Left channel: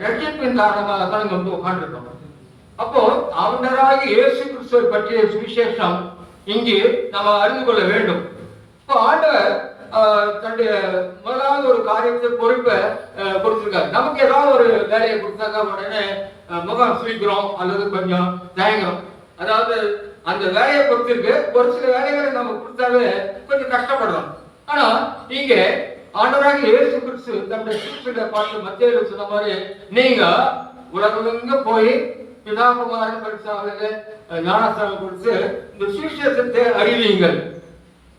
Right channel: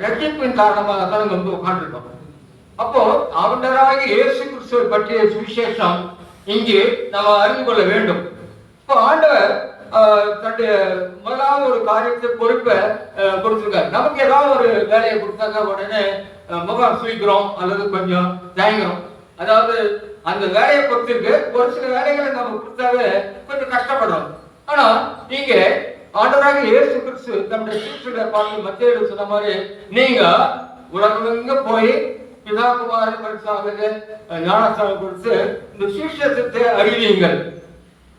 ரஜிப்பின் காரணமாக தான் இங்க வந்து உட்கார்ந்துருக்கோம் அப்போ அவனராக இயேசு கிறிஸ்துவை பற்றிய சுவிசேஷம் இங்கு நம்ம அறிந்து கொள்ள வேண்டும். இப்போ ஆண்டவர் ஆஹ், தன்னுடைய முதலாவது ஒரு காரியத்தை பொறுப்பை கொடுத்துருக்காரு. நமக்கு ஏதாவது ஒரு வேலையை கொடுத்தாங்க உடனே முகம் சுழிக்கிறோம் அல்லது கொஞ்சம் தயங்குறோம். அதாவது அந்த வேலையை பொறுத்திருக்கு. ஒரு சில வேலைகளை நம்ம கொடுத்தாவே கொஞ்சம் கஷ்டப்படுறோம். ஆனா இங்க ஆண்டவராக இயேசு கிறிஸ்து தம்முடைய சீசுகளை பார்த்து மத்திய சொன்ன மாதிரி நீங்க உலகமெங்க போய் பிதாகுமார பரிசாக ஞானஸ்தானம் கொடுத்து இந்த சுவிசேஷத்தை அறிவியுங்கள்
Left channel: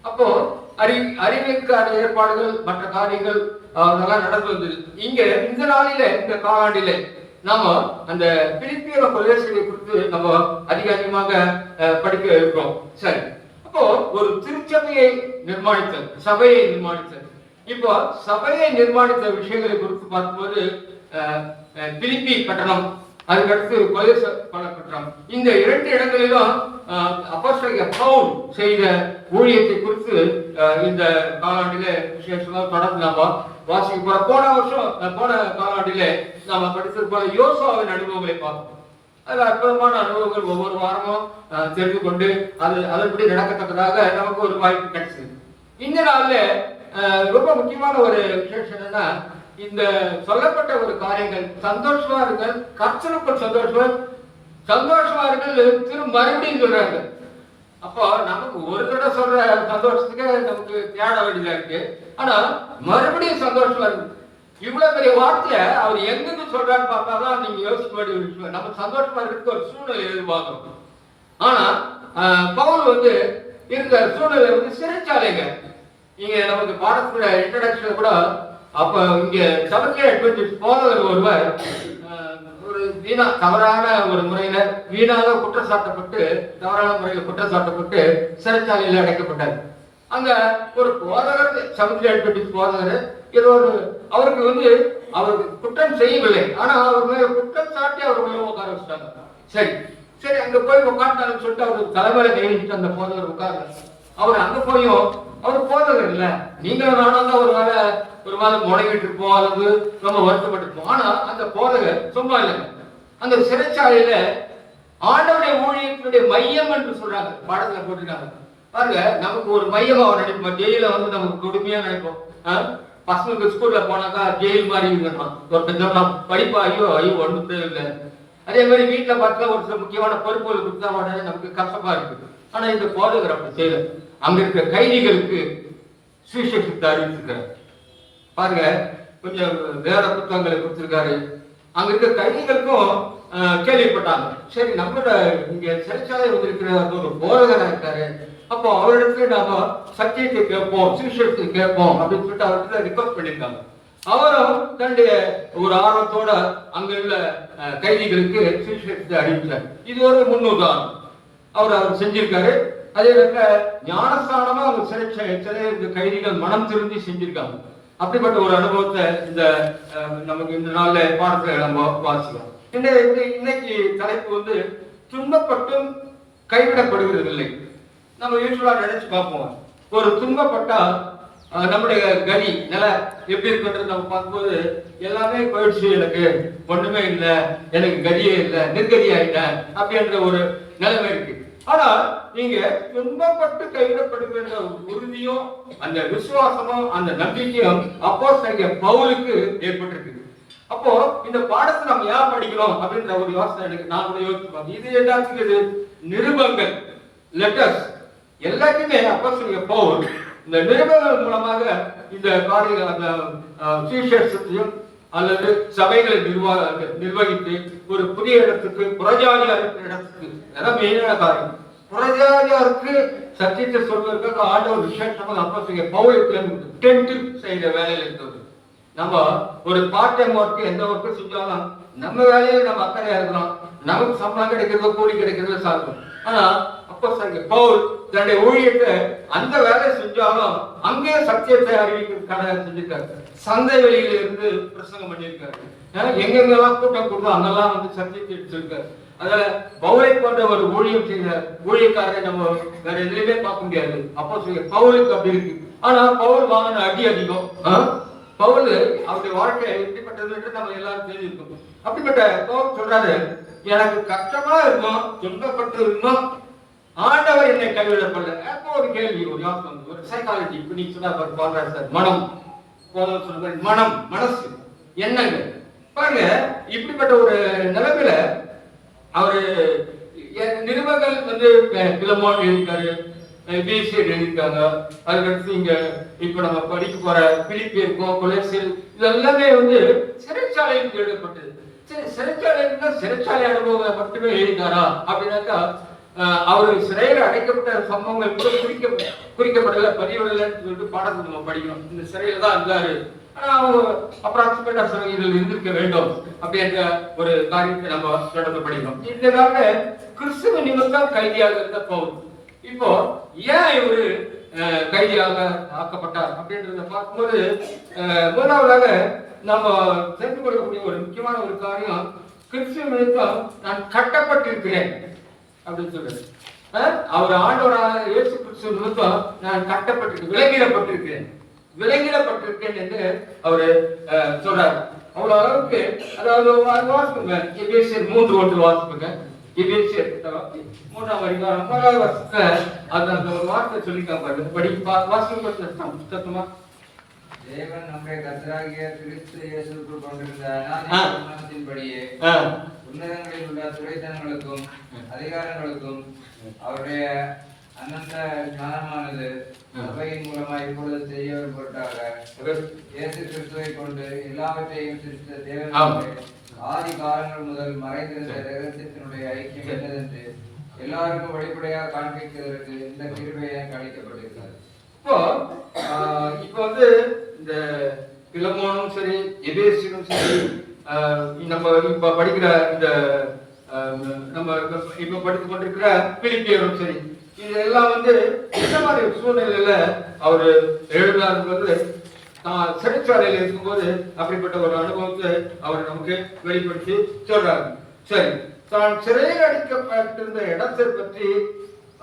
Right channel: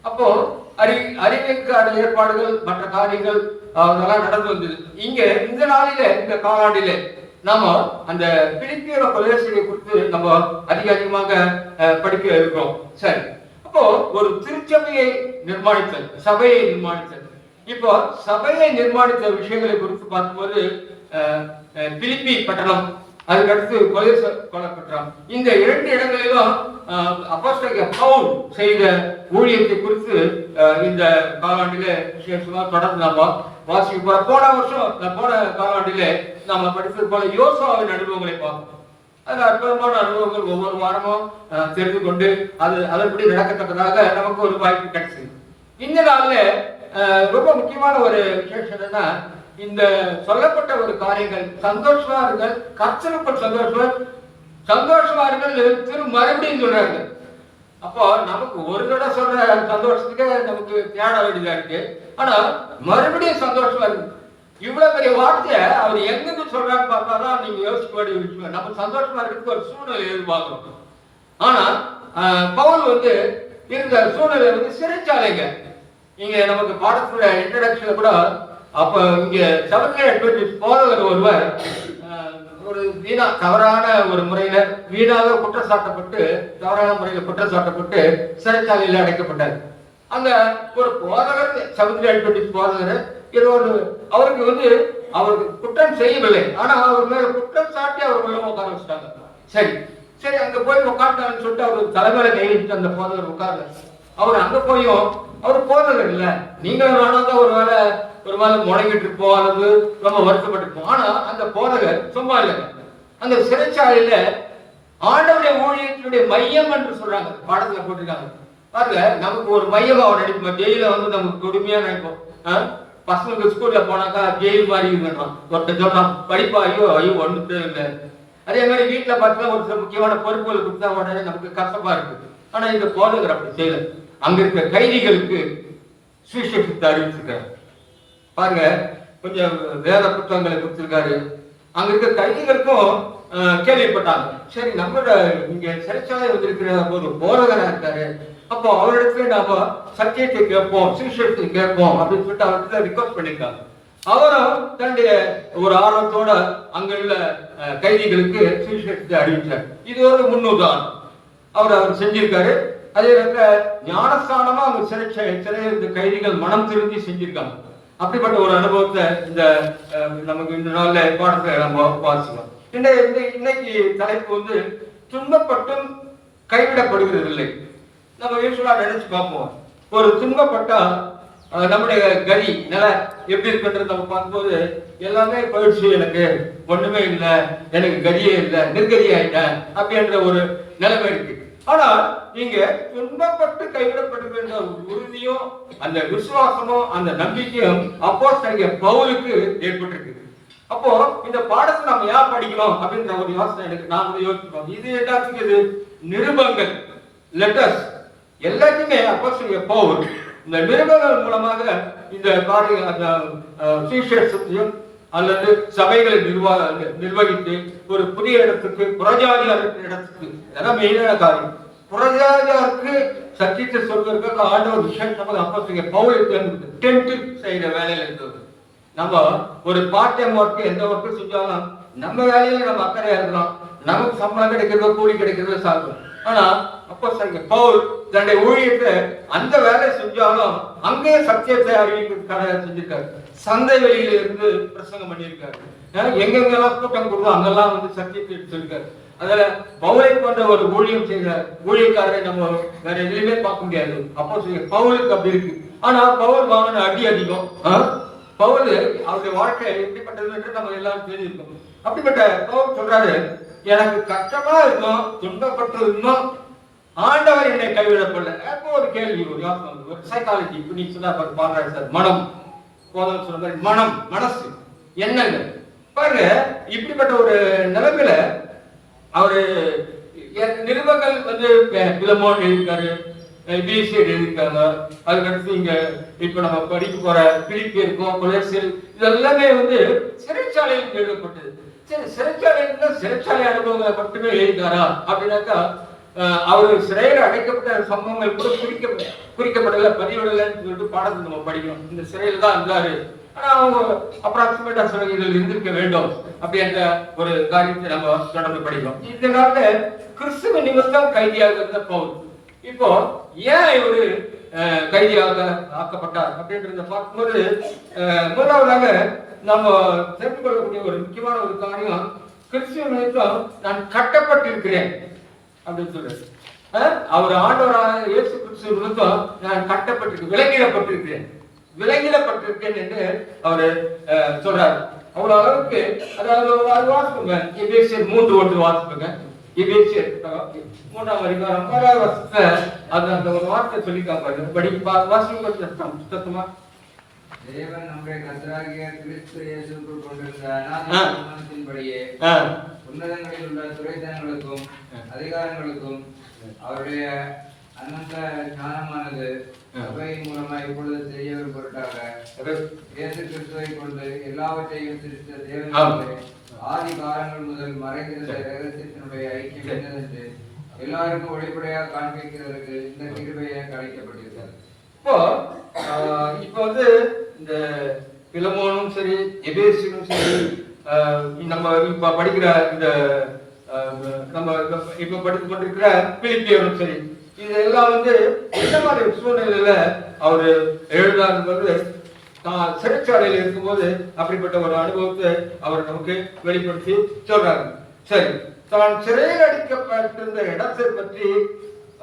அப்போ அறி அறிவிற்கான ஏற்பாடுகள் மற்ற காரியங்கள் அதெல்லாம் நடந்து வந்தது. இங்க இந்த நாளில இந்த காலாண்டிலே நாம அந்த பிலிப்பியோட கொலேசியை குறித்து நம்ம அதிக அதிகமாக அஹ், படிக்க இருக்கிறோம். சரி. அப்போ ஒரு திருச்சபையை நிர்மாணித்தல் சபையை நிர்மாணித்தல். இப்போ சபையை நிர்மாணித்த விஷயங்களை குறித்து பார்க்கும்போது திருப்பி பட்டணம் அதுக்கடுத்து கொலை கொல்லப்பட்டோம் இந்த இரண்டு இடங்களிலும் அப்போஸ்தலக பவுல் செய்த ஊழியத்தை குறித்து இந்த காலாண்டில விசேஷமா தொடர்ந்து நாம வாசிக்க போற போன வருஷம் போன காலாண்டில நாம படித்தது போல யோசாவின் அனுபவங்களை பார்ப்போம் அது அற்புதமான அனுபவங்கள் ஒவ்வொரு வாரமும் தெரிந்து கொண்டு அது அதன்படி நடக்கத்தக்கதாக நமக்கு ஒரு வாய்ப்பு கிடைச்சது இந்த நாளில் ரொம்ப முக்கியமான ஒரு விசேஷம் என்னன்னா இந்த சொல்லப்பட்ட ஒரு காரியங்கள் சந்தோஷமா இருங்கள் கர்த்தருக்குள் சந்தோஷமா சந்தோஷமா இருங்கள் திரு மறுபடியும் சொல்றாங்க அப்போ நமக்கு ஒரு தடவை சொல்ற சந்தோஷத்துக்கே நமக்கு தேட வேண்டியதா இருக்கு. ஆனா மறுபடியும் சந்தோஷமா இருக்கு இவ்வளவு பெரிய வார்த்தையை அவர் எங்கிருந்து சொல்றாரு பார்த்தாதான் நீங்க யோசிக்க வேண்டிய விஷயம். நம்ம சந்தோஷமா இருக்கிறதுக்கு ஒரு சூழ்நிலை எதிர்பார்க்கணும். ஆனா பவுல் வந்து இந்த சூழ்நிலை வந்து சிறைச்சாலைங்க. இங்க நமக்கு பாடத்துல இன்ட்ரடக்ஷன்ல கூட அப்ப இங்க செவன்த் அட்வென்டிஸ்ட் போதகர் ஒருவர் ஒரு வீணா தவறான ஒரு முறையில வீணாக குற்றம் சாட்டப்பட்டு தவறான முறையில குற்றம் சாட்டப்பட்டு சிறைச்சாலையில அடைக்கப்பட்டார். அங்க ஒரு போதகர் செவன்த் அட்வென்டிஸ்ட் போதகர் இது ஒரு அவருக்கு வந்து அவருக்கு குற்றம் செய்யவில்லை. ஆனா அவர் மேல குற்றம் சாட்டி அவர் உள்ள உட்கார வச்சிட்டாங்க. சரி சரி அங்க போய் உட்கார்ந்தான்னு சொல்லிட்டு அவர் தலைமையில கை அந்த போதகர் உட்கார்ந்து அவர் அங்க போயும் அவர் போதகர் இல்ல. நீங்களும் நானும் தான் ஒரு வேலை ஒரு மாதிரி முடங்கிட்டு இருப்போம் அல்லது ரொம்ப வருத்தப்பட்டிருப்போம். ஆனா அந்த போதகர் சும்மா இல்லைங்க அந்த சிறைச்சாலையில ஆண்டவுடைய ஊழியத்தினுடைய மையம் என்று சொல்றாங்க. பாடத்துல போட்டிருக்காங்க. பாருங்க நமக்கு ஒரு மையம் அவன் நினைப்போம் ஜெயில வந்து நமக்கு கொடுமையா நினைப்போம். பசங்களுக்கு ஸ்கூல்ல போனாக்கா ஜெயில் மாதிரி இருந்தான் ஒருத்தர் சொன்னான் படிப்பா? ஐயோ ஐயோ ஒண்ணு தேவையில்லை. அதே மாதிரி வீட்டுல பார்த்தா ஒரு சில முக்கியமான பொறுப்புகள் கொடுத்தா உடனே நமக்கு கஷ்டமா இருக்கு. ஆனா இந்த போதகர் அப்படி செய்யல. அங்கிருக்க கைதிகளுக்கு சுவிசேஷத்தை அறிவிச்சிருக்கிறார். பாருங்க கொஞ்சம் வேத புத்தகங்களை கொடுத்திருக்காரு. அங்க இருக்க கைதிகளுக்கும் கேள்விப்பட்டாங்க. சரி நம்மளோட இங்க சிறைச்சாலை வந்திருக்கிற ஒரு போதகரா இருக்காரு. அப்போ அவரிடத்துல நாம சத்தியத்தை கேட்போம் சுவிசேஷத்தை கேட்போம் அப்படின்னு சொல்லிட்டு அவர்கிட்ட ரிக்வஸ்ட் பண்ணியிருக்காங்க அவரும் தன்னுடைய ஒரு ஆர்வத்தோட அங்குள்ள கைதிகளுக்கு சுவிசேஷத்தை அறிவிச்சார். இது ஒரு முன்னுதாரணம். அவர் அவர் செஞ்சிருக்காரு. அதே நேரத்துல ஞானஸ்தானமா அவர் சிறை சிறை இந்த கைதிகள் மனம் திருந்தி செஞ்சிருக்காங்க. அப்படிப்பட்ட ஒரு அனுபவத்தை இந்த நமக்கு இந்த நாள்ல பாடத்துல நம்ம வாசிக்கலாம். இன்னைக்கு தலைப்பு வந்து துன்பப்பட்டும் கைவிடப்படுகிறது இல்லை நம்ம யூஸ்வலா நினைச்சு பார்ப்போம். ஒரு துன்பப்பட்டா நம்முடைய கதி நிலை எப்படி இருக்குன்றது நம்ம பார்க்கும்போது எல்லாமே போயிடுச்சு எனக்கு ஒண்ணுமே இல்லை எனக்கு கதியே இல்லை நிர்கதி ஆயிட்டேன் அப்படின்ற ஒரு நிலைமை இருக்கு. ஆனால் நீங்க துன்பப்பட்டு கைவிடப்படுகின்ற உறுதியும் அந்த விசுவாசமும் அந்த நம்பிக்கையும் அப்போ பவுலுக்கு ஏற்பட்டிருக்கு அப்போ இந்த பாடத்தை நம்ம ஏன் படிக்கிறோம் அப்படின்ற ஒரு யோசனை எனக்கு நான் கூட யோசிச்சு இது எல்லாத்துக்கும் இது நிருபங்கள் லெட்டர்ஸ் எல்லாத்தையுமே அப்போ பவுல் இந்த நிருபங்கள் மூலமாக இந்த காரியங்கள் அந்த சுவிசேஷத்தையும் அல்லது சபைகளை நிர்வாக நிர்வகித்து ஒரு புதிய இடத்துக்கு புறஜாதியார் இடத்துக்கு. இதெல்லாம் மெயினான காரணம். புறஜாதியாருக்கு சத்தியத்தை சொல்வதற்காக ஆண்டவர் விசேஷமாக அப்போ பவுலுக்கு டென்ட் செய்கிற வேலையில் இருந்தது நம்ம ஒரு பார்ட் டைம் ஒர்க் எந்த ஒர்க்கும் செஞ்சாலும் நம்ம வேலையில நம்ம அக்கறையா இருக்கிறோம் நமக்கு சம்பளம் கிடைக்கிறதோ கூலி கிடைக்கிறதோ சாப்பிடும் ஆனா அப்போ சங்க பவுல் தன்னுடைய ஊழியத்தை அந்த வேலை செஞ்சாலும் அங்கே சத்தியத்தை அறிவிக்கிறதுக்கான செஞ்சிருக்காரு. சந்தை வெளியில இருந்து பிரசங்கம் பண்ணியிருக்காரு. அஹ் எங்கெங்கெல்லாம் கூட்டம் கூடுவோம் அங்கெல்லாம் வந்து சர்டிபிகேட் எடுத்திருக்காரு அதனால பவுலை போன்ற ஒரு ஊழியம் செய்கிற ஊழியக்காரரை நம்ம வேற எதுலையுமே பார்க்க முடியாது. அப்போ சொல்லி பவுலுக்கு அப்படி இருக்கு. ஆனா பவுல் வாங்கின அடி அதிகம். பவுல் அவருடைய வாழ்க்கை எப்படிப்பட்டது என்று நம்ம எல்லாரும் தெரிஞ்சிருக்கோம் அப்படிப்பட்ட பவுல் சொல்றாரு எனக்கு கஷ்டமா இருக்கும் துன்பப்பட்டு இருந்தோம் ஆண்டவர் என்னை கைவிடப்படல. அப்போ ஒரு கேள்வி ஒரு யோசனை ஒரு சைக்காலஜி இப்ப நீ சொன்னா பாக்குறாரு சார் மனம். போதும் சொல்லுங்கள் மனம் மனசு எண்ணங்கள். பாருங்க இப்படிப்பட்ட ஒரு நிலைமையில அவரு எ- நிருபங்கள் வந்து பி- பிலமோன் எழுதியிருக்காரு பிசிஎட் எழுதியிருக்காங்க. அதுக்கடுத்து இங்க இப்ப நம்ம படிக்க போற பிலிப்பி இருக்கும் கொலேசியல் இதெல்லாமே வந்து சிறைச்சாலையில் எழுதப்பட்டது. சரி சிறைச்சாலை சிறைச்சாலை அனுபவங்களை மட்டுமே எழுதினாரா அப்படின்னாக்கா அஹ், சிறையில் அடைக்கப்பட்ட சம்பவங்கள் கூட குறிக்க குறிக்கப்படல பதிவிடலன்னு சொல்லிட்டு பாடத்தை நம்ம படிக்கணும். இந்த சிறையில் தான் இருந்தாரு. ஆனா அவங்க அப்ராக்சிமேட்டா சிறையில் இருந்திருக்க வேண்டும் அப்படின்ற ஒரு காரியத்தை நம்ம தொடர்ந்து படிக்கணும். இந்த காலத்துல கிறிஸ்துவ நிமித்தம் கைதியாக இருந்த பவுல். இப்போ ஏன் இவர் அஹ், கைதியாக ஆக்கப்பட்டார் அப்படின்றத பார்க்கும்போது அஹ், முதலாவதாக நம்ம தெரிந்து கொள்ளக்கூடிய ஒரு முக்கியமான ஒரு காரியம் கிறிஸ்துவ நிமித்தம் நான் கட்டப்பட்டிருக்கிறேன். அப்படின்னு சொல்றாரு. அஹ், அவர் ஆண்டவராக இயேசு கிறிஸ்துவ நிமித்தம் நான் கட்டப்பட்டிருக்கிறேன் விலங்கிடப்பட்டிருக்கிறேன். விலங்கிடப்பட்டிருக்கேன் என்று அவர் சொல்றார். அவ்வளவு அளவுக்கு அதாவது வாசிப்புங்க. எபேசியர் மூன்று ஒன்று வாசிப்புங்க. எபேசியர் மூன்றாம் அதிகாரம் ஒன்பதாவது வருஷத்துல அது அந்த ஒரு வார்த்தை சொல்லிக்காம பாருங்க. படி வாசிப்பு கொஞ்சம் சத்தம், தேவன் நம்முடைய கர்த்தராகிய கிறிஸ்து இயேசுக்குள் கொண்டிருந்த ஆ. உன்னதங்களில் உள்ள துறைத்தனங்களுக்கும் அதிகாரங்களுக்கும் அவருடைய அனந்த ஞானமானது. சபையின் மூலமாக இப்பொழுது செய்ய ஒரு பொருட்டாக இயேசு கிறிஸ்துவை கொண்டு எல்லாவற்றையும் சிரித்த. தேவனுடைய ஆதி காலங்கள் முதல் மறைந்திருந்த ரகசியத்தினுடைய ஐக்கியம் என்னதென்று எல்லாருக்கும் வெளிப்படையாக காண்பிக்கிறதற்கு இந்த கிருபை எனக்கு அளிக்கப்பட்டிருக்கிறது இப்போ இப்போ வந்து இந்த பிலமோனும் சரி எபேசியும் சரி நம்ம இப்ப படிக்கிற இந்த ஆஹ், நம்ம இப்ப- இப்ப படித்து கொண்டிருக்கிற பிலிப்பியரும் சரி இதெல்லாம் வந்து எந்த மாதிரி சூழ்நிலையில அவர் எழுதுறாருங்கிறது தான் சிறைச்சாலையில் இருக்கும்போது அப்படிப்பட்ட ஒரு அனுபவத்தை அவர் நமக்கு வெளிப்படுத்தி சொல்றாரு. சரி தான் சிறையில் அடிக்கப்பட்டிருந்த இடத்தை பற்றி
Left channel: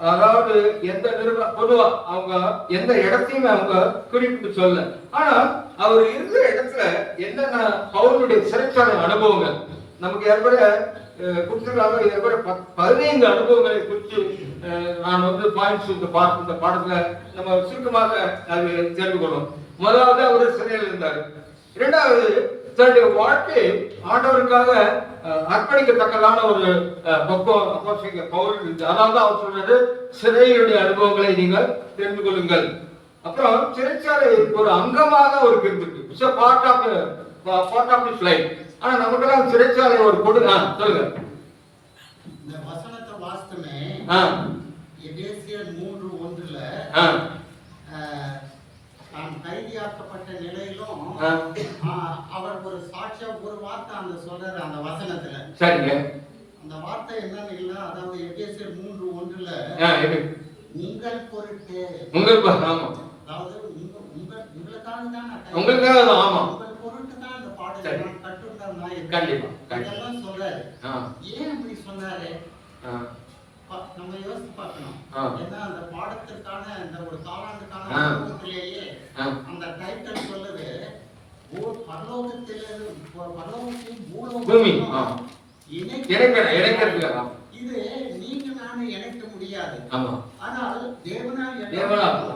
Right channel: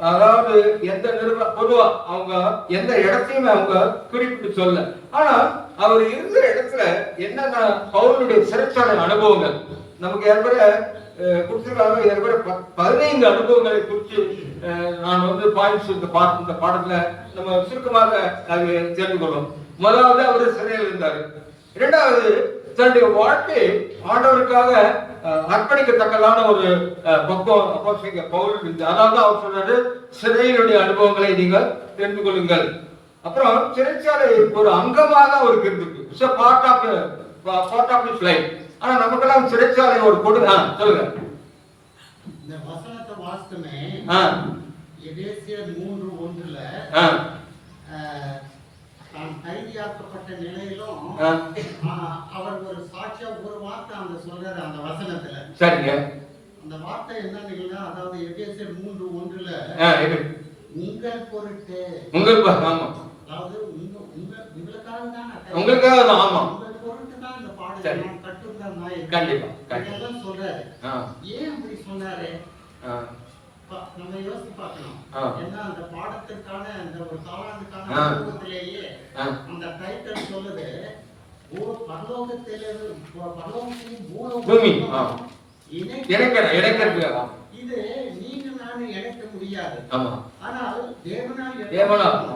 அதாவது எந்த நிறுவனம் பொதுவா அவங்க எந்த இடத்தையுமே அவங்க குறிப்பிட்டு சொல்ல ஆனா அவர் இருந்த இடத்துல என்னென்ன பவுலுடைய சிறப்பான அனுபவங்கள்? நமக்கு ஏற்பட கொடுத்துருக்காங்க. ஏற்பட ப- பதினைந்து அனுபவங்களை குறித்து நான் வந்து பாயிண்ட்ஸ் இந்த பாட்டு இந்த பாடத்துல நம்ம சுருக்கமாக அது தெரிந்து கொள்வோம். முதலாவது அவர் சிறையில் இருந்தார். இரண்டாவது தன்னுடைய வாழ்க்கை ஆண்டவருக்காக அர்ப்பணிக்கத்தக்கதான ஒரு பக்கம் பக்குவம் பவுல். அதாவது அவர் சொல்றது சிறையினுடைய அனுபவங்களை நீங்கள் தெரிந்து கொள்ளுங்கள். அப்புறம் சிறைச்சாலை ஒரு அங்கமாக அவருக்கு இருந்திருக்கு part of part of his life ஆனா நமக்கெல்லாம் சிறைச்சாலை ஒரு கொடு ஆ சொல்லுங்க. இந்த வசனத்தை வாசித்தமே ஆ. எபேசியர் மூன்று ஒன்றுல தான் கைதியாக்கப்பட்ட நிலையிலும் அவர் ஒரு சாட்சியா ஒரு வார்த்தை அந்த சொல்றாரு அந்த வசனத்துல. சரிங்க. அந்த வார்த்தை என்னன்னு அதாவது எபேசியர் மூன்று ஒன்றுல உங்கள் பொருட்டு உங்களுக்கு ஆமா. உங்களுக்காக தான் ஆமா. சரி. கண்டிப்பா, கண்டிப்பா. ஏன் அப்படி சொன்னாரு நம்ம யோசிச்சு பார்க்கணும். ஏன்னா அந்த பாடத்திற்கான அந்த ஒரு காலாண்டுக்கான. அனுபவத்திலேயே. அந்த டைட்டில் சொல்லுது ஓ பரலோகத்திலிருந்து ப- பரலோகத்தையும் பூலோகத்தையும் பூமி, இணைக்கிற இணைக்கிறதுல இது நீங்க நானும் இணைக்க முடியாது ஆமா ஆனால் தேவனால் தேவனால்.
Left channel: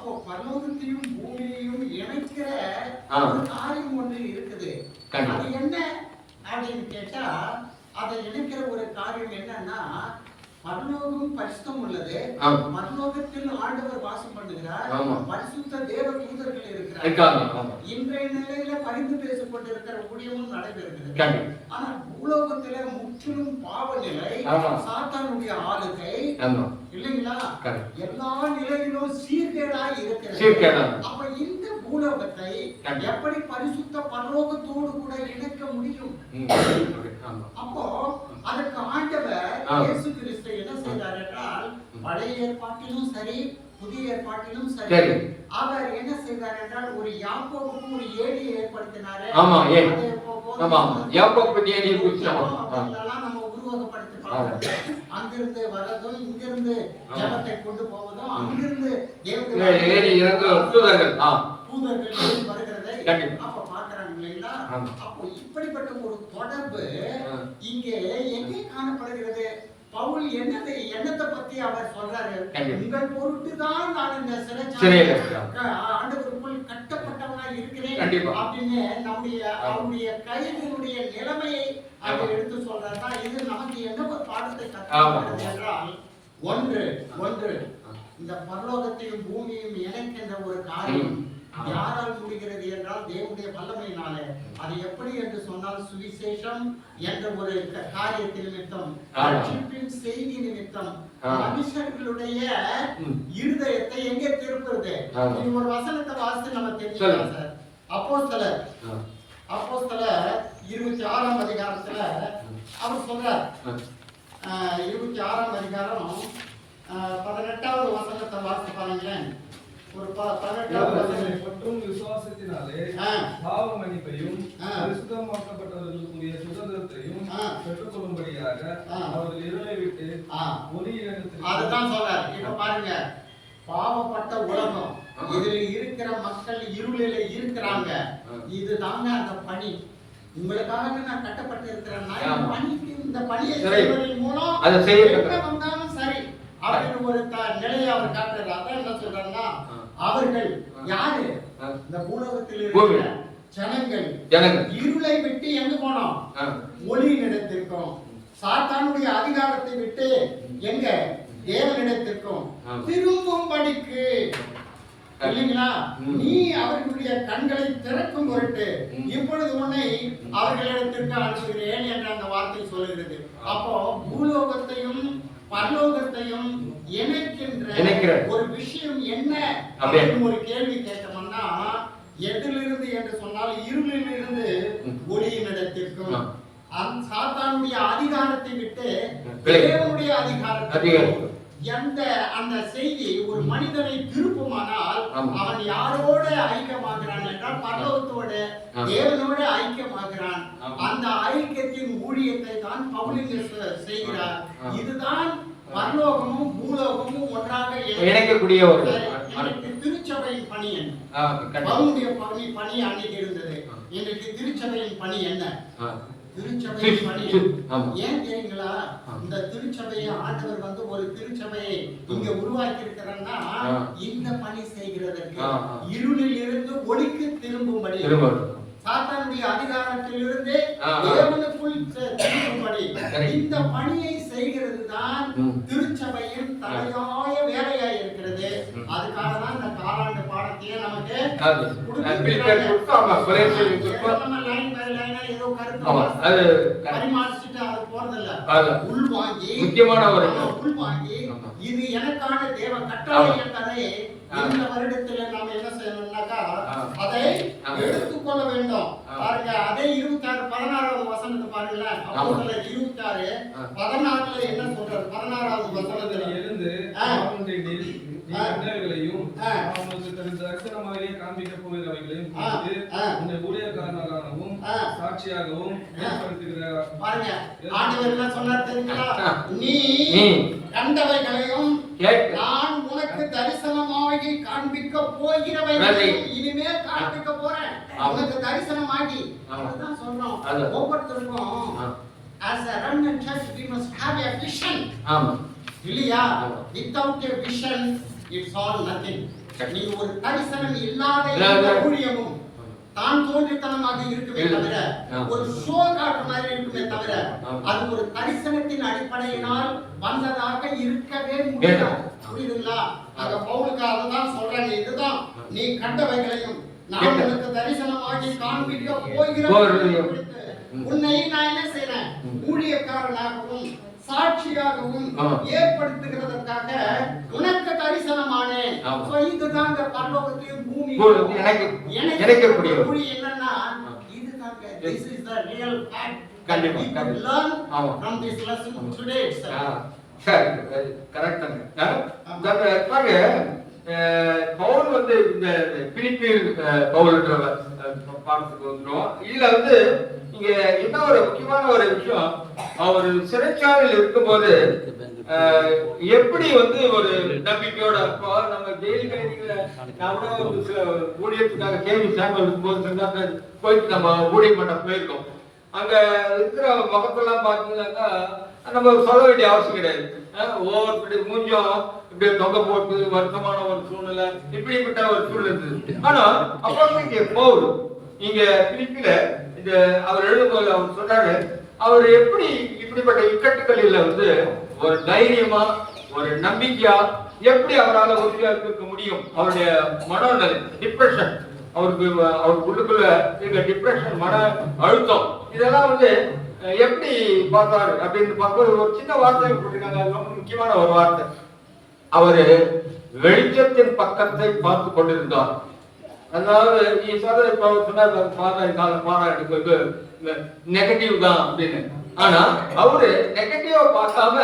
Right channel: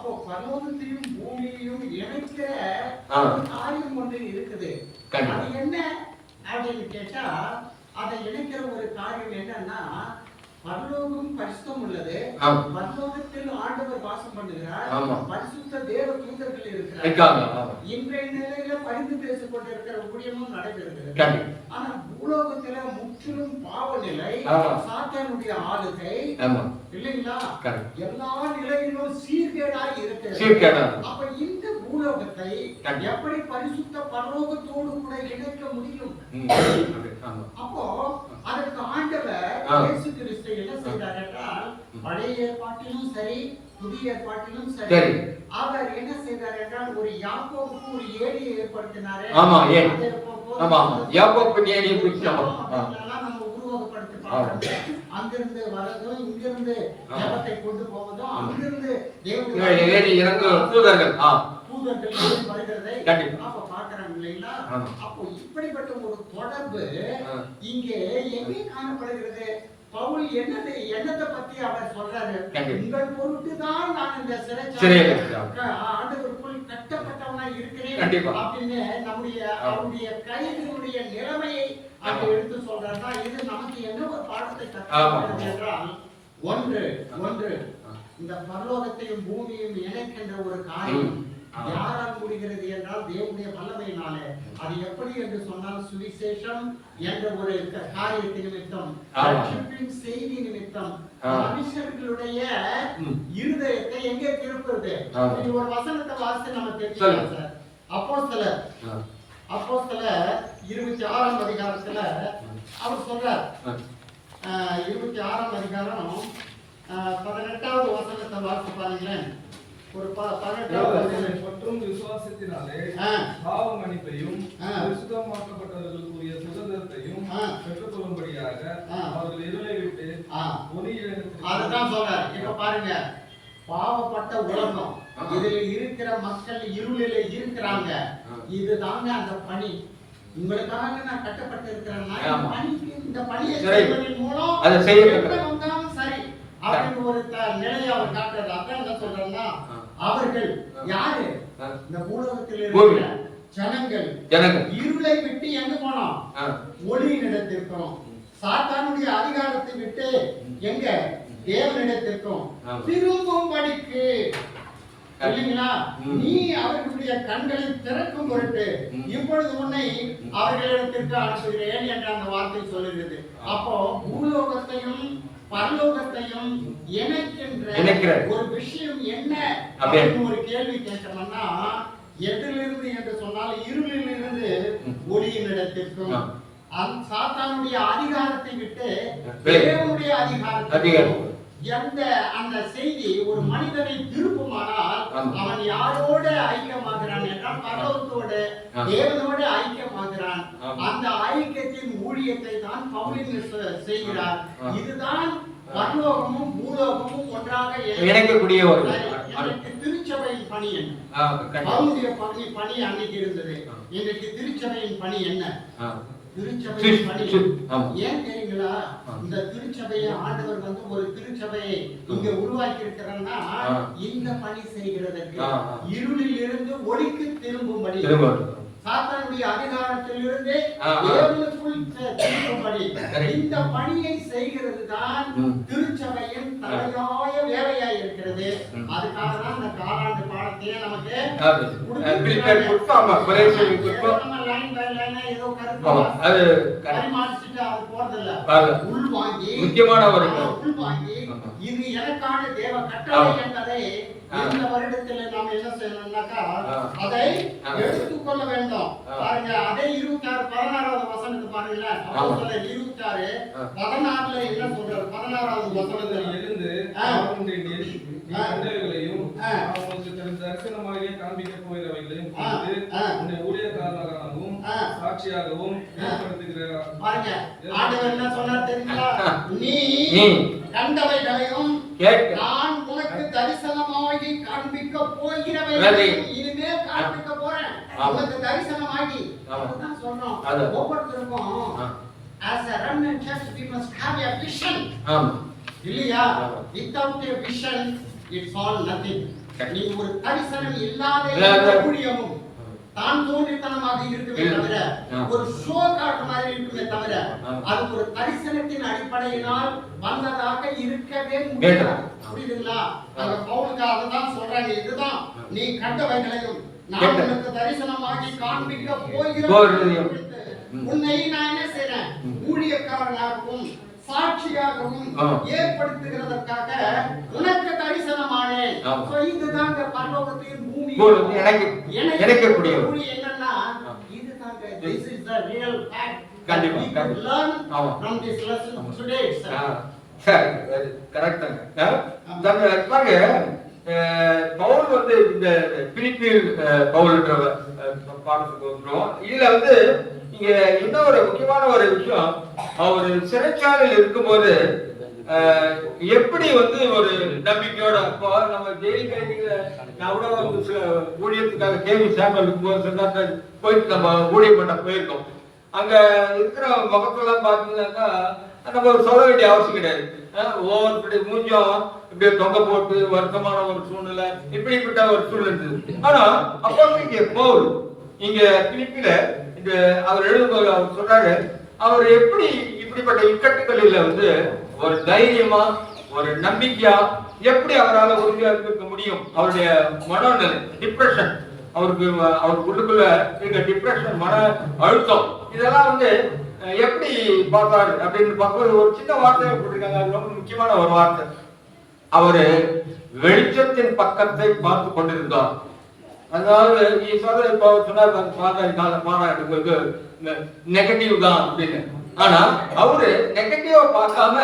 அப்போ பரலோகத்தையும் பூமியையும் இணைக்கிற காரியம் ஒன்று இருக்குது. அது என்ன அப்படின்னு கேட்டா அதை இணைக்கிற ஒரு காரியம் என்னன்னா பரலோகம் பரிசுத்தம் உள்ளது. பரலோகத்தில் ஆண்டவர் வாசம் பண்ணுகிறார். பரிசுத்த தேவ தூதர்கள் இருக்கிறார். இன்றைய நிலையில பரிந்து பேசப்பட்டிருக்கிற ஊழியமும் நடைபெறுகிறது. ஆனா பூலோகத்துல முற்றிலும் பாவ நிலை. சாத்தானுடைய ஆளுகை இல்லைங்களா. எல்லா நிலையிலும் சீர்கேடாய் இருக்கிறது. அப்ப இந்த பூலோகத்தை. எப்படி பரிசுத்த பரலோகத்தோடு கூட இணைக்க முடியும்? அப்போ அதற்கு ஆண்டவர் ஆ. இயேசு கிறிஸ்து என்ன செய்தார் என்றால் பழைய ஏற்பாட்டிலும் சரி புதிய ஏற்பாட்டிலும் சரி. அவர் என்ன செய்தார் என்றால் ஒரு யாக்கோபுக்கு ஒரு ஏரியை ஏற்படுத்தினாரு ஆமா, போதும். ஆமா, ஆமா. யாக்கோபு நம்ம, உருவகப்படுத்தி. பார்க்கிறோம். அங்கிருந்து வரதும் இங்கிருந்து. ஜபத்தை கொண்டு போவதும் அங்கிருந்து தேவனுடைய ஏறி இறங்க தூதர்கள் ஆ தூதர்கள் ஏறி வருகிறதை கண்டிப்பா. அப்ப பாக்குறாங்க இல்லைங்களா. அப்போ இப்படிப்பட்ட ஒரு தொடர்பு. இங்கே எங்கே காணப்படுகிறது பவுல் என்னதை என்னத்தை பத்தி அவர் சொல்றாரு. உங்கள் பொருட்டு தான் நான் இந்த இருக்கிறேன். ஆண்டவருக்குள் கட்டப்பட்டவனா இருக்கிறேன். அப்படின்னு நம்முடைய. அவருடைய கைதினுடைய நிலைமையை ஆமா. எடுத்து சொல்றாருன்னா இது நமக்கு என்ன ஒரு பாடத்தை. கற்றுக்கிறது என்றால் ஒன்று ஒன்று. இந்த பரலோகத்தையும் பூமியையும் இணைக்கின்ற ஒரு காரியம். யாரால் முடிகிறது என்றால் தேவனுடைய வல்லமையினாலே. அது எப்படி என்று சொன்னால் சுவிசேஷம் என்ற ஒரு க- காரியத்தின் நிமித்தம். செய்தி நிமித்தம். மனுஷர்களுடைய. இருதயத்தை எங்கே திருப்புறது. இது ஒரு வசனத்தை வாசித்து நம்ம. தெரிஞ்சுக்கலாம் சார். அப்போஸ்தலர். ஆ. அப்போஸ்தலர் இருபத்தி ஆறாம் அதிகாரத்துல அவர் சொல்றார். இருபத்தி ஆறாம் அதிகாரம் பதினெட்டாவது வசனத்தை வாசித்து பாருங்களேன். ஒரு. மற்றும் விசுவாசத்தினாலே. பாவ மன்னிப்பையும் ஆ. பரிசுத்தமாக்கப்பட்டவர்களுக்குரிய சுதந்திரத்தையும். பெற்றுக்கொள்ளும்படியாக. அவர்கள் இருளை விட்டு. ஒளியிடத்திற்கு அதுதான் சொல்றார் இப்ப பாருங்க பாவப்பட்ட உலகம் இதுல இருக்கிற மக்கள் இருளில இருக்கிறாங்க இதுதாங்க அந்த பணி உங்களுக்காக நான் கட்டப்பட்டு இருக்கிறேன்னா இந்த ஆமா. பணிக்கு இந்த பணியை. செய்வதன் மூலம் அதை செய்ய சரி அப்படின்னு ஒரு த- நிலையை அவர் காட்டுறாரு அதான் என்ன சொல்றாருன்னா ஆ. அவர்கள். யாரு. இந்த பூலோகத்தில். இருக்கிற ஜனங்கள் ஜனங்கள். இருளை விட்டு எங்க போனோம். ஒளியினிடத்திற்கும் சாத்தானுடைய அதிகாரத்தை விட்டு எங்க தேவனிடத்திற்கும். திரும்பும்படிக்கு இல்லைங்களா. நீ அவர்களுடைய கண்களை திறக்கும் பொருட்டு. இப்பொழுது உன்னை. அவர்களிடத்திற்கு அனுப்புகிறேன் என்ற அந்த வார்த்தை சொல்லுகிறது. அப்போ பூலோகத்தையும் பரலோகத்தையும் இணைக்கின்ற. ஒரு விஷயம் என்ன. அப்படின்னு ஒரு கேள்வி கேட்டோம்னா எதிலிருந்து என்று சொன்னால் இருளிலிருந்து. ஒளியினிடத்திற்கும் சாத்தானுடைய அதிகாரத்தை விட்டு. தேவனுடைய அதிகாரத்தை அதிகாரம். எந்த அந்த செய்தி ஒரு மனிதனை திருப்புமானால். அவன் யாரோட ஐக்கியமாகிறான் என்றால் பரலோகத்தோட. தேவனோட ஐக்கியமாகிறான். அந்த ஐக்கியத்தின் ஊழியத்தை தான் பவுலிங்க செய்கிறார். இதுதான் பரலோகமும் பூலோகமும் ஒன்றாக இணை- இணைக்கக்கூடிய ஒரு திருச்சபையின் பணி என்ன. பவுனுடைய பணி பணி அன்னைக்கு இருந்தது. இன்றைக்கு திருச்சபையின் பணி என்ன ஏன் ஆ. இந்த திருச்சபையை ஆண்டவர் வந்து ஒரு திருச்சபையை இங்க உருவாக்கி இருக்கிறான்னா. இந்த பணி செய்கிறதற்கு. இருளில் இருந்து ஒளிக்கு திரும்பும்படி திரும்ப சாத்தானுடைய அதிகாரத்திலிருந்து. தேவனுக்குள் திரும்பும்படி. இந்த பணியை செய்கிறது தான். திருச்சபையின் தலையாய இருக்கிறது. அதுக்காக தான் இந்த காலாண்டு முக்கியமான ஒரு. இது எனக்கான தேவ கட்டளை. என்பதை. இந்த வருடத்துல நாம் என்ன செய்யணும்னாக்கா. அதை. எடுத்துக்கொள்ள வேண்டும். பாருங்க அதே இருபத்தி ஆறு பதினாறாவது வசனத்தை பாருங்களேன் இருபத்தி ஆறு. பதினாறுல என்ன சொல்றாரு பதினாறாவது வசனத்துல எழுந்து ஆ. அவனுடைய நீ ஆ. கண்டவைகளையும் ஆ. தரிசனமாகவே காண்பிக்க போகிறவைகளையும். குறித்து. உன்னை ஊழியக்காரனாகவும். சாட்சியாகவும் ஏற்படுத்துகிற பாருங்க ஆண்டவர் என்ன சொன்னார் தெரியுங்களா நீ கண்டவைகளையும் நான் உனக்கு தரிசனமாகி காண்பிக்க போகிறவை நன்றி. இனிமே காண்பிக்க போறேன். உனக்கு தரிசனமாகி. அதுதான் சொல்றோம் அது. ஒவ்வொருத்தருக்கும் as a remnant church we must have a vision ஆமா இல்லையா without a vision all nothing Correct. நீ ஒரு தரிசனம் இல்லாத ஊழியமும் தான் தோன்றித்தனமாக இருக்குமே. தவிர. ஒரு ஷோ காட்டு மாதிரி இருக்குமே தவிர. அது ஒரு தரிசனத்தின் அடிப்படையினால் வந்ததாக இருக்கவே முடியாது. புரியுதுங்களா அந்த பவுலுக்கு அதுதான் சொல்றாங்க இதுதான் நீ கண்டவைகளையும் நான். உனக்கு தரிசனமாகி காண்பிக்க. போகிறேன். உன்னை நான் என்ன செய்றேன் ம். ஊழியக்காரனாகவும் சாட்சியாகவும். ஏற்படுத்துகிறதற்காக உனக்கு தரிசனமானேன். So இதுதாங்க பரலோகத்தையும் பூமியையும் பூ- இணைக்க- இணைக்கக்கூடிய என்னன்னா. இதுதாங்க is the real fact that கண்டிப்பா, கண்டிப்பா. ஆமா. lesson ஆமா. today itself. ஆ, சரி கரெக்டுங்க பவுல் வந்து இந்த பிலிப்பில் பவுல்ன்ற பாடத்துக்கு வந்துடும் இதுல வந்து இங்க என்ன ஒரு முக்கியமான ஒரு விஷயம் அவர் சிறைச்சாலையில் இருக்கும்போது எப்படி வந்து ஒரு நம்பிக்கையோட இப்போ நம்ம ஜெயில் கைதிகளை நான் கூட வந்து சில ஊழியத்துக்காக கேள்வி சாம்பல் இருக்கும்போது சொன்னாங்க போயிட்டு நம்ம ஊழியம் பண்ண போயிருக்கோம். அங்க இருக்கிற முகத்தெல்லாம் பார்த்தீங்கன்னாக்கா நம்ம சொல்ல வேண்டிய அவசியம் கிடையாது. ஒவ்வொரு ஒவ்வொருத்தருடைய மூஞ்சம் இப்படி தொங்க போட்டு வருத்தமான ஒரு சூழ்நிலை இப்படிப்பட்ட ஒரு சூழ்நிலை இருந்தது. ஆனா அப்போ இங்க பவுல் இங்க பிலிப்பில இந்த அவர் எழுதும்போது அவர் சொல்றாரு அவர் எப்படி இப்படிப்பட்ட இக்கட்டுகளில் வந்து ஒரு தைரியமா ஒரு நம்பிக்கையா எப்படி அவரால் உறுதியா இருக்க முடியும்? அவருடைய மனநிலை டிப்ரெஷன் அவருக்கு அவருக்கு உள்ளுக்குள்ள இருக்க டிப்ரெஷன் மன அழுத்தம். இதெல்லாம் வந்து எப்படி பார்த்தாரு அப்படின்னு பார்க்கும்போது ஒரு சின்ன வார்த்தையை போட்டிருக்காங்க. அது ரொம்ப முக்கியமான ஒரு வார்த்தை. அவரு வெளிச்சத்தின் பக்கத்தை பார்த்து கொண்டிருந்தார். அதாவது நீ சொல்ற இப்ப சொன்னார் சாதாரண கால நெகட்டிவ் தான் அப்படின்னு. ஆனா அவரு நெகட்டிவா பார்க்காம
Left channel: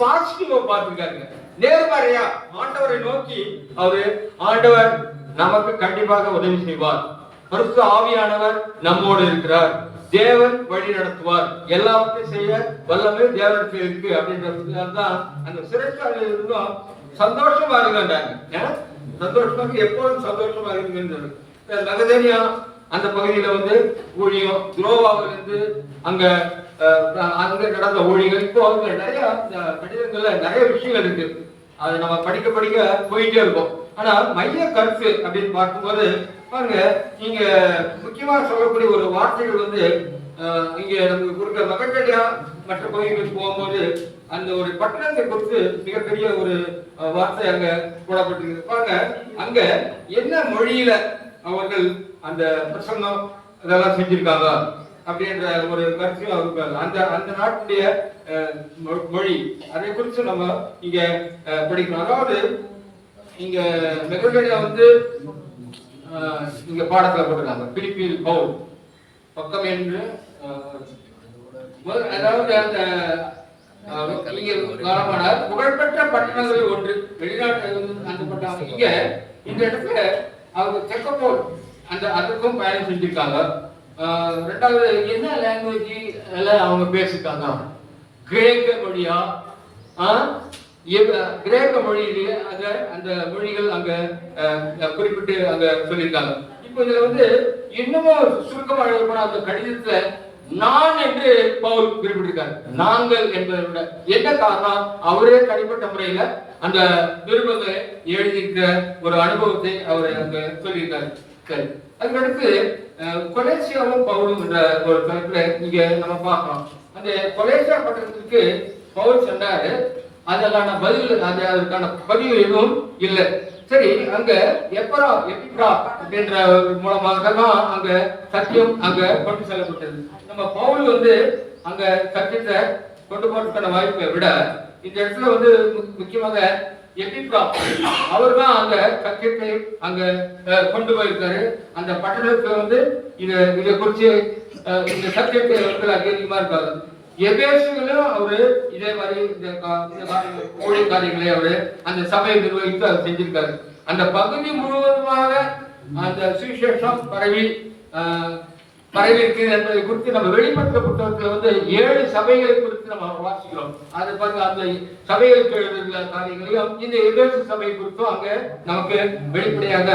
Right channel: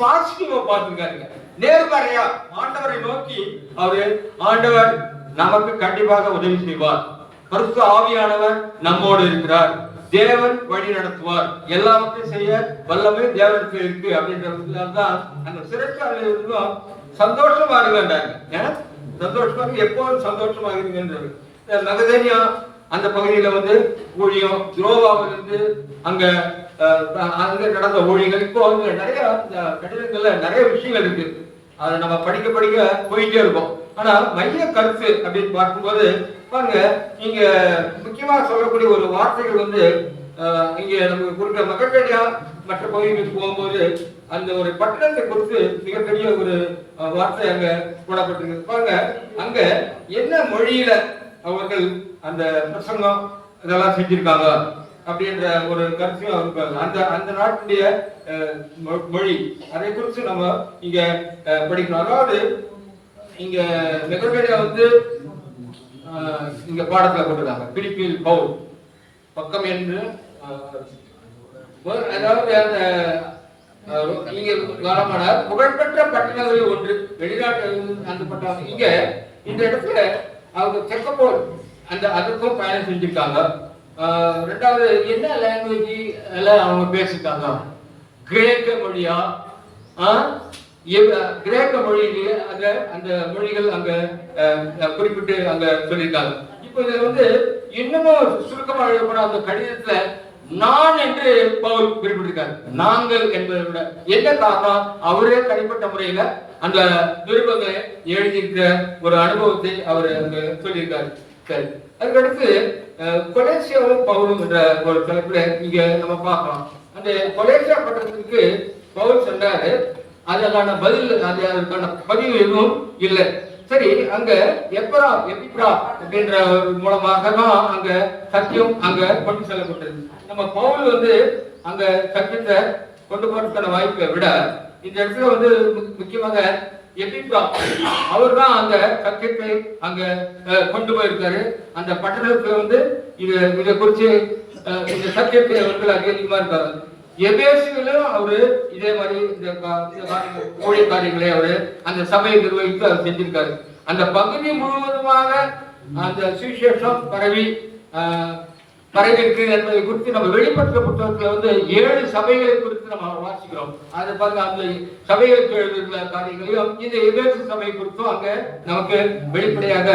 பாசிட்டிவா பார்த்துருக்காருங்க. நேர்மறையா ஆண்டவரை நோக்கி அவரு ஆண்டவர் நமக்கு கண்டிப்பாக உதவி செய்வார். பரிசு ஆவியானவர் நம்மோடு இருக்கிறார். தேவன் வழி நடத்துவார். எல்லாவற்றையும் செய்ய வல்லமே தேவனுக்கு இருக்கு. அப்படின்றது தான் அந்த சிறைச்சாலையில் இருந்தும் சந்தோஷமா இருக்கின்றாங்க ஏன்னா சந்தோஷமாக எப்போதும் சந்தோஷமாக இருங்கன்றது நகதேனியா அந்த பகுதியில வந்து ஊழியம் துரோவாவிலிருந்து அங்க அங்க நடந்த ஊழியங்கள் இப்போ அங்க நிறைய இந்த கடிதங்கள்ல நிறைய விஷயங்கள் இருக்கு. அதை நம்ம படிக்க படிக்க போயிட்டே இருக்கோம். ஆனா மைய கருத்து அப்படின்னு பார்க்கும்போது பாருங்க இங்க முக்கியமா சொல்லக்கூடிய ஒரு வார்த்தைகள் வந்து இங்க நமக்கு கொடுக்குற மக்கள் மற்ற போகும்போது அந்த ஒரு பட்டணத்தை குறித்து மிகப்பெரிய ஒரு வார்த்தை அங்க போடப்பட்டிருக்கு. பாருங்க அங்க என்ன மொழியில அவர்கள் அந்த பிரசங்கம் இதெல்லாம் செஞ்சிருக்காங்க அப்படின்ற ஒரு கருத்தையும் அந்த அந்த நாட்டுடைய மொ- மொழி அதை குறித்து நம்ம இங்க படிக்கணும். அதாவது இங்க மெகபேடியா வந்து இங்க பாடத்துல போட்டிருக்காங்க. பிலிப்பில் பவுல். பக்கம் என்று அதாவது அந்த அஹ், காலமானார் புகழ்பெற்ற பட்டணங்களில் ஒன்று வெளிநாட்டிலிருந்து அந்த இங்க இந்த இடத்துல அவங்க செக்கப்போல் அந்த அதுக்கும் பயணம் செஞ்சிருக்காங்க. ரெண்டாவது என்ன லாங்குவேஜ் எல்லாம் அவங்க பேசியிருக்காங்க கிரேக்க மொழியா? கிரேக்க மொழியிலேயே அந்த அந்த மொழிகள் அங்க குறிப்பிட்டு அங்க சொல்லியிருக்காங்க. இப்போ இதுல வந்து இன்னமும் சுருக்கமாக அந்த கடிதத்துல நான் என்று பவுல் குறிப்பிட்டிருக்காரு. நாங்கள் என்பதை விட என்ன காரணம்? அவரே தனிப்பட்ட முறையில அந்த நிருபங்களை எழுதியிருக்கிற ஒரு அனுபவத்தை அவர் அங்க சொல்லியிருக்காரு. சரி. அதுக்கடுத்து அஹ், கொலேசியாவும் பவுலும் என்ற ஒரு தலைப்புல இங்க நம்ம பார்க்கலாம். அந்த கொலேசியா பட்டத்துக்கு பவுல் சொன்னாரு அதற்கான பதில் அதற்கான பதிவு எதுவும் இல்லை. சரி அங்க எப்பரா எப்பிப்ரா அப்படின்ற மூலமாக தான் அங்க சத்தியம் அங்க கொண்டு செல்லப்பட்டது நம்ம பவுல் வந்து அங்க சத்தியத்தை கொண்டு போறதுக்கான வாய்ப்பை விட இந்த இடத்துல வந்து முக்கியமாக எபிப்ரா அவர் தான் அந்த சத்தியத்தை அங்க அஹ், கொண்டு போயிருக்காரு. அந்த பட்டணத்துல வந்து இது இதை குறித்து அஹ், இந்த சத்தியத்தை அவர்கள் அதிகமா இருக்காரு. எபேசுகளையும் அவரு இதே மாதிரி இந்த கா- காரியங்களை அவரு அந்த சபையை நிர்வகித்து அவர் செஞ்சிருக்காரு. அந்த பகுதி முழுவதுமாக அந்த சுவிசேஷம் பரவி ஆஹ், பரவி இருக்கிறது என்பதை குறித்து நம்ம வெளிப்பட்ட புத்தகத்துல வந்து ஏழு சபைகளை குறித்து நம்ம வாசிக்கிறோம். அது பாருங்க அந்த சபைகளுக்கு எழுதுள்ள காரியங்களையும் இந்த எபேசு சபை குறித்தும் அங்க நமக்கு வெளிப்படையாக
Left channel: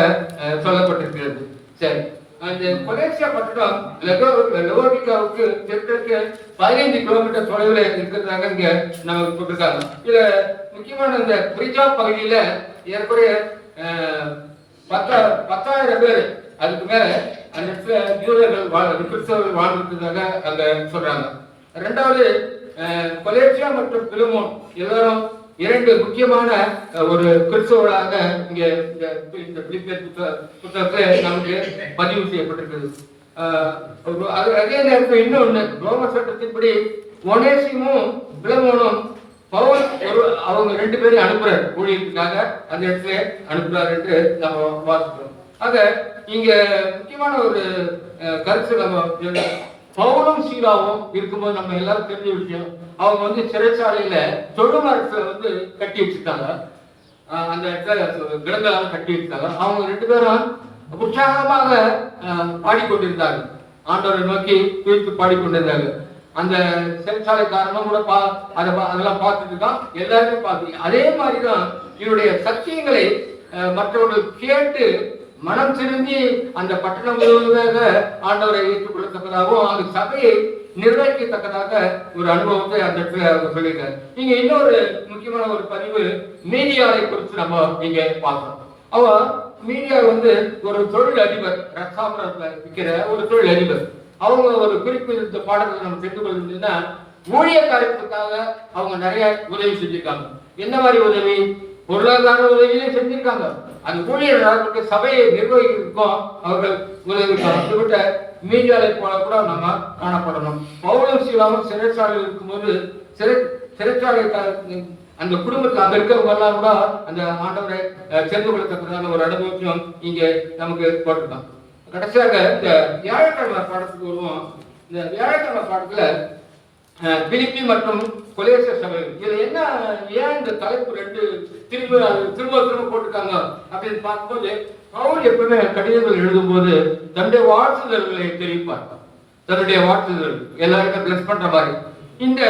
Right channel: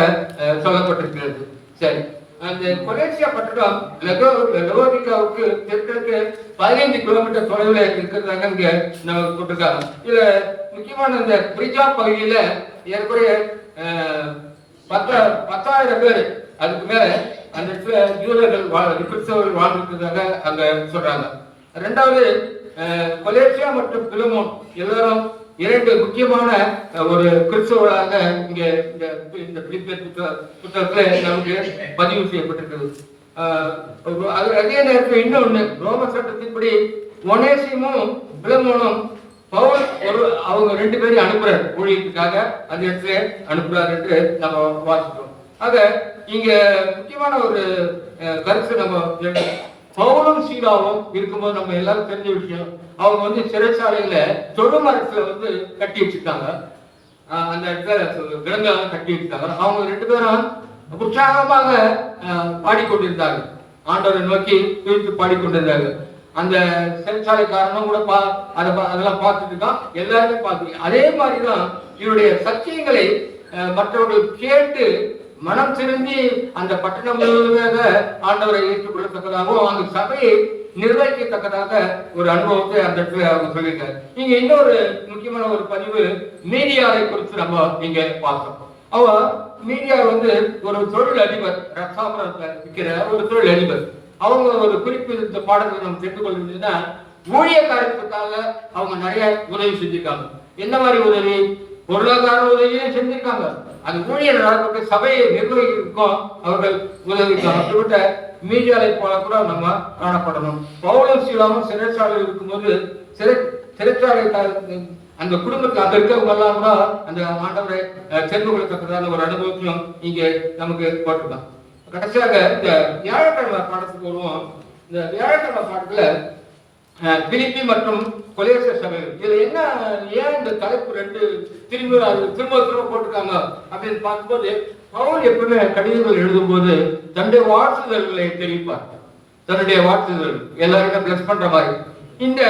சொல்லப்பட்டிருக்கிறது. சரி. அந்த கொலேசியா பட்டணம் லெகோ தெற்கு பதினைந்து கிலோமீட்டர் தொலைவில் இருக்கிறதாங்க இங்க நமக்கு கூப்பிட்டுருக்காங்க இதுல முக்கியமான இந்த பிரிஜா பகுதியில ஏற்குறைய பத்தா பத்த பத்தாயிரம் பேர் அதுக்கு மேல அந்த இடத்துல யூதர்கள் வாழ் கிறிஸ்தவர்கள் வாழ்ந்துருக்கிறதாக அங்க சொல்றாங்க. ரெண்டாவது கொலேசியா மற்றும் பிலமோன் எல்லாரும் இரண்டு முக்கியமான ஒரு கிறிஸ்தவர்களாக இங்க இந்த இந்த பிலிப்பியர் புத்தக புத்தகத்துல நமக்கு பதிவு செய்யப்பட்டிருக்கிறது. அது அதே நேரத்தில் இன்னொன்னு ரோம சட்டத்தின்படி ஒனேசிமும் பிளமோனும் பவுல் ஒரு அவங்க ரெண்டு பேரும் அனுப்புறாரு ஊழியத்துக்காக. அந்த இடத்துல அனுப்புறாரு என்று நம்ம வாசிக்கிறோம். ஆக இங்க முக்கியமான ஒரு அஹ், கருத்து நம்ம பவுலும் சீலாவும் இருக்கும்போது நம்ம எல்லாரும் தெரிஞ்ச விஷயம் அவங்க வந்து சிறைச்சாலையில தொழுமரத்துல வந்து கட்டி வச்சிருக்காங்க. அந்த இடத்துல கிடங்கெல்லாம் கட்டி வச்சிருக்காங்க. அவங்க ரெண்டு பேரும் உற்சாகமாக பாடிக்கொண்டிருந்தாங்க ஆண்டவரை நோக்கி குறித்து பாடிக்கொண்டிருந்தார்கள். அந்த சிறைச்சாலைக்காரனும் கூட பா அதை பா- அதெல்லாம் பார்த்துட்டு இருக்கான். எல்லாருமே பார்த்து அதே மாதிரி தான் இவருடைய சத்தியங்களை மற்றவர்கள் கேட்டு மனம் திரும்பி அந்த பட்டணம் முழுவதாக ஆண்டவரை ஏற்றுக்கொள்ளத்தக்கதாகவும் அந்த சபையை நிர்வகிக்கத்தக்கதாக ஒரு அனுபவத்தை அந்த இடத்துல அவங்க சொல்லியிருக்காரு. இங்க இன்னொரு முக்கியமான ஒரு பதிவு மீடியாவை குறித்து நம்ம இங்க பார்க்கணும் அவ மீடியா வந்து ஒரு தொழில் அதிபர் ரசாபுரத்துல இருக்கிற ஒரு தொழில் அதிபர் அவங்க ஒரு குறிப்பு இந்த பாடத்தை நம்ம தெரிந்து கொள்வதுன்னா ஊழிய காரியத்துக்காக அவங்க நிறைய உதவி செஞ்சிருக்காங்க. என்ன மாதிரி உதவி? பொருளாதார உதவியும் செஞ்சிருக்காங்க. அந்த ஊழியர் சபையை நிர்வகிக்கும் அவர்கள் உதவிக்கு அப்படிப்பட்ட மீடியாவை போல கூட நம்ம காணப்படணும். பவுலும் சீலாவும் சிறைச்சாலையில் இருக்கும்போது சிறை சிறைச்சாலை அந்த குடும்பத்தை அங்க இருக்கிறவங்க எல்லாம் கூட அந்த ஆண்டவரை சென்று தெரிந்து கொள்ளத்தக்கதான ஒரு அனுபவத்தையும் இங்கே நமக்கு போட்டுக்கலாம் கடைசியாக இந்த வியாழக்கிழமை பாடத்துக்கு வருவோம். இந்த வியாழக்கிழமை பாடத்துல பிலிப்பி மற்றும் கொலேச சபைகள் இதுல என்ன ஏன் இந்த தலைப்பு ரெண்டு திரும்ப அது திரும்ப திரும்ப போட்டிருக்காங்க அப்படின்னு பார்க்கும்போது பவுல் எப்பவுமே கடிதங்கள் எழுதும்போது தன்னுடைய வாழ்த்துதல்களை தெரிவிப்பார். தன்னுடைய வாழ்த்துதல் எல்லாருக்கும் பிளஸ் பண்ற மாதிரி. இந்த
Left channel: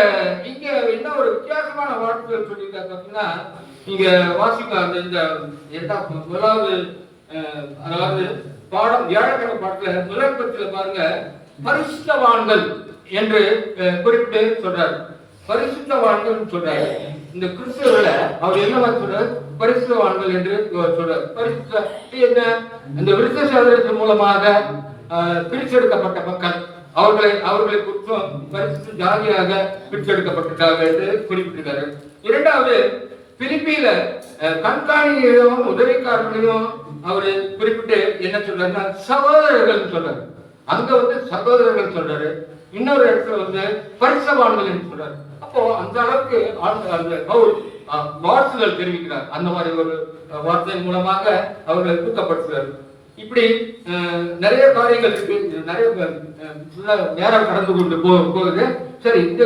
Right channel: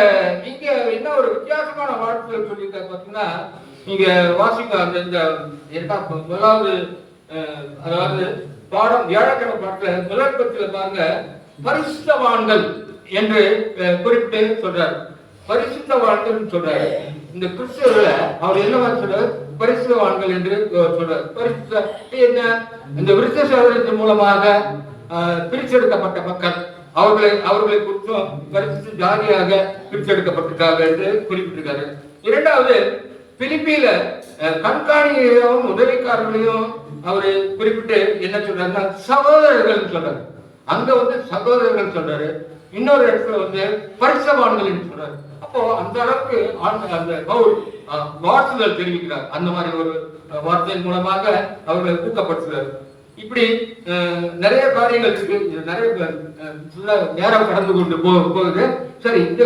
இங்க என்ன ஒரு வித்தியாசமான வாழ்த்துதல் சொல்லியிருக்காரு பார்த்தீங்கன்னா இங்க வாசிக்க அந்த இந்த எட்டாம் முதலாவது அதாவது பாடம் வியாழக்கிழமை பாடத்துல முதல் பத்தியில பாருங்க பரிசுத்தவான்கள். என்று அஹ், குறிப்பிட்டு சொல்றாரு. பரிசுத்தவான்கள் சொல்றாரு. இந்த கிறிஸ்தவர்களை அவர் என்ன சொல்றாரு? பரிசுத்தவான்கள் என்று அவர் சொல்றாரு. பரிசுத்த என்ன? இந்த விருத்த சோதனத்தின் மூலமாக அஹ், பிரிச்செடுக்கப்பட்ட மக்கள். அவர்களை அவர்களை குற்றம் பரிசுத்த ஜாதியாக பிரிச்செடுக்கப்பட்டிருக்காங்க என்று குறிப்பிட்டிருக்காரு. இரண்டாவது பிலிப்பியில அஹ், கண்காணிகளையும் உதவிக்காரர்களையும் அவரு குறிப்பிட்டு என்ன சொல்றாருன்னா சகோதரர்கள் சொல்றாரு. அங்க வந்து சகோதரர்கள் சொல்றாரு. இன்னொரு இடத்துல வந்து பரிசவான்கள் என்று சொல்றாரு அப்போ அந்த அளவுக்கு அந்த பவுல் வாழ்த்துதல் தெரிவிக்கிறார். அந்த மாதிரி ஒரு வார்த்தையின் மூலமாக அவர்களை ஊக்கப்படுத்துறாரு இப்படி அஹ், நிறைய காரியங்கள் இருக்கு. நிறைய நேரம் கடந்து கொண்டு போ போகுது. சரி இந்த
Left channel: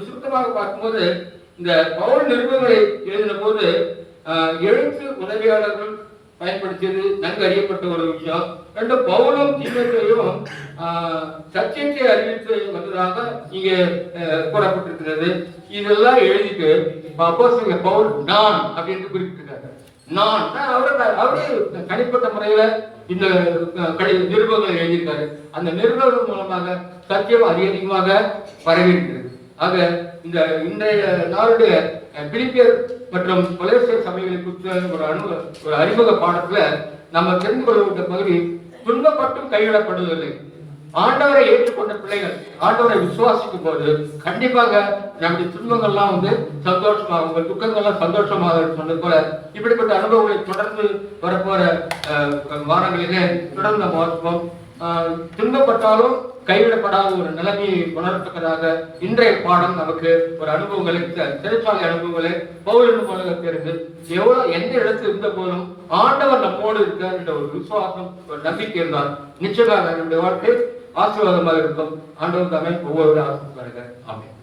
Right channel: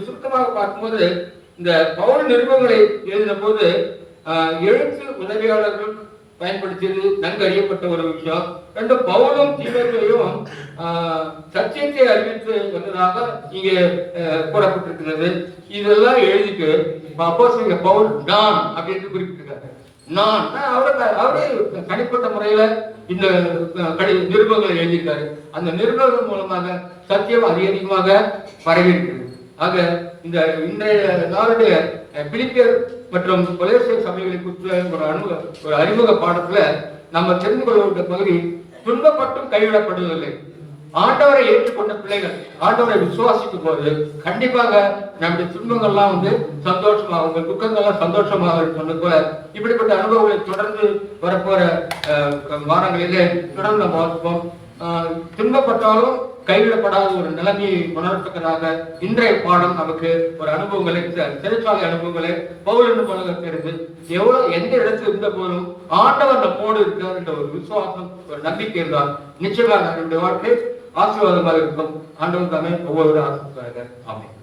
சுருக்கமாக பார்க்கும்போது இந்த பவுல் நிருபங்களை எழுதின போது எழுத்து உதவியாளர்கள் பயன்படுத்தியது நன்கு அறியப்பட்ட ஒரு விஷயம். ரெண்டு பவுலும் திமுகையும் சத்தியத்தை அறிவித்து வந்ததாக இங்கே அஹ், கூறப்பட்டிருக்கிறது. இதெல்லாம் எழுதிட்டு அப்போ பவுல் நான் அப்படின்னு குறிப்பிட்டிருக்காரு. நான் அவரு அவரே தனிப்பட்ட முறையில இந்த கடி நிருபங்களை எழுதியிருக்காரு. அந்த நிருபங்கள் மூலமாக சத்தியம் அதிக அதிகமாக பரவி இருக்கிறது ஆக இந்த இன்றைய நாளுடைய பிலிப்பியர் மற்றும் கொலேசிய சபைகளை குறித்த ஒரு அனுபவ ஒரு அறிமுக பாடத்துல நம்ம தெரிந்து கொள்ள பகுதி துன்பப்பட்டும் கைவிடப்படுவதில்லை. ஆண்டவரை ஏற்றுக்கொண்ட பிள்ளைகள் ஆண்டவரை விசுவாசிக்கும் போது கண்டிப்பாக நம்முடைய துன்பங்கள்லாம் வந்து சந்தோஷமாக உங்கள் துக்கங்கள்லாம் சந்தோஷமாக சொன்னது போல இப்படிப்பட்ட அனுபவங்களை தொடர்ந்து வரப்போற வாரங்களிலே தொடர்ந்து ஆஹ், துன்பப்பட்டாலும் கைவிடப்படாத ஒரு நிலைமையை உணரத்தக்கதாக இன்றைய பாடம் நமக்கு ஒரு அனுபவங்களை ச- சிறைச்சாலை அனுபவங்களை பௌரன் பழக எவ்வளவு எந்த இடத்துல இருந்த போதும் ஆண்டவர் நம்மோடு இருக்கார் என்ற ஒரு விசுவாசம் ஒரு நம்பிக்கை இருந்தால் நிச்சயமாக நம்முடைய வாழ்க்கை ஆசீர்வாதமாக இருக்கும். ஆண்டவர் தாமே ஒவ்வொரு ஆசீர்வாதமாக ஆமென்.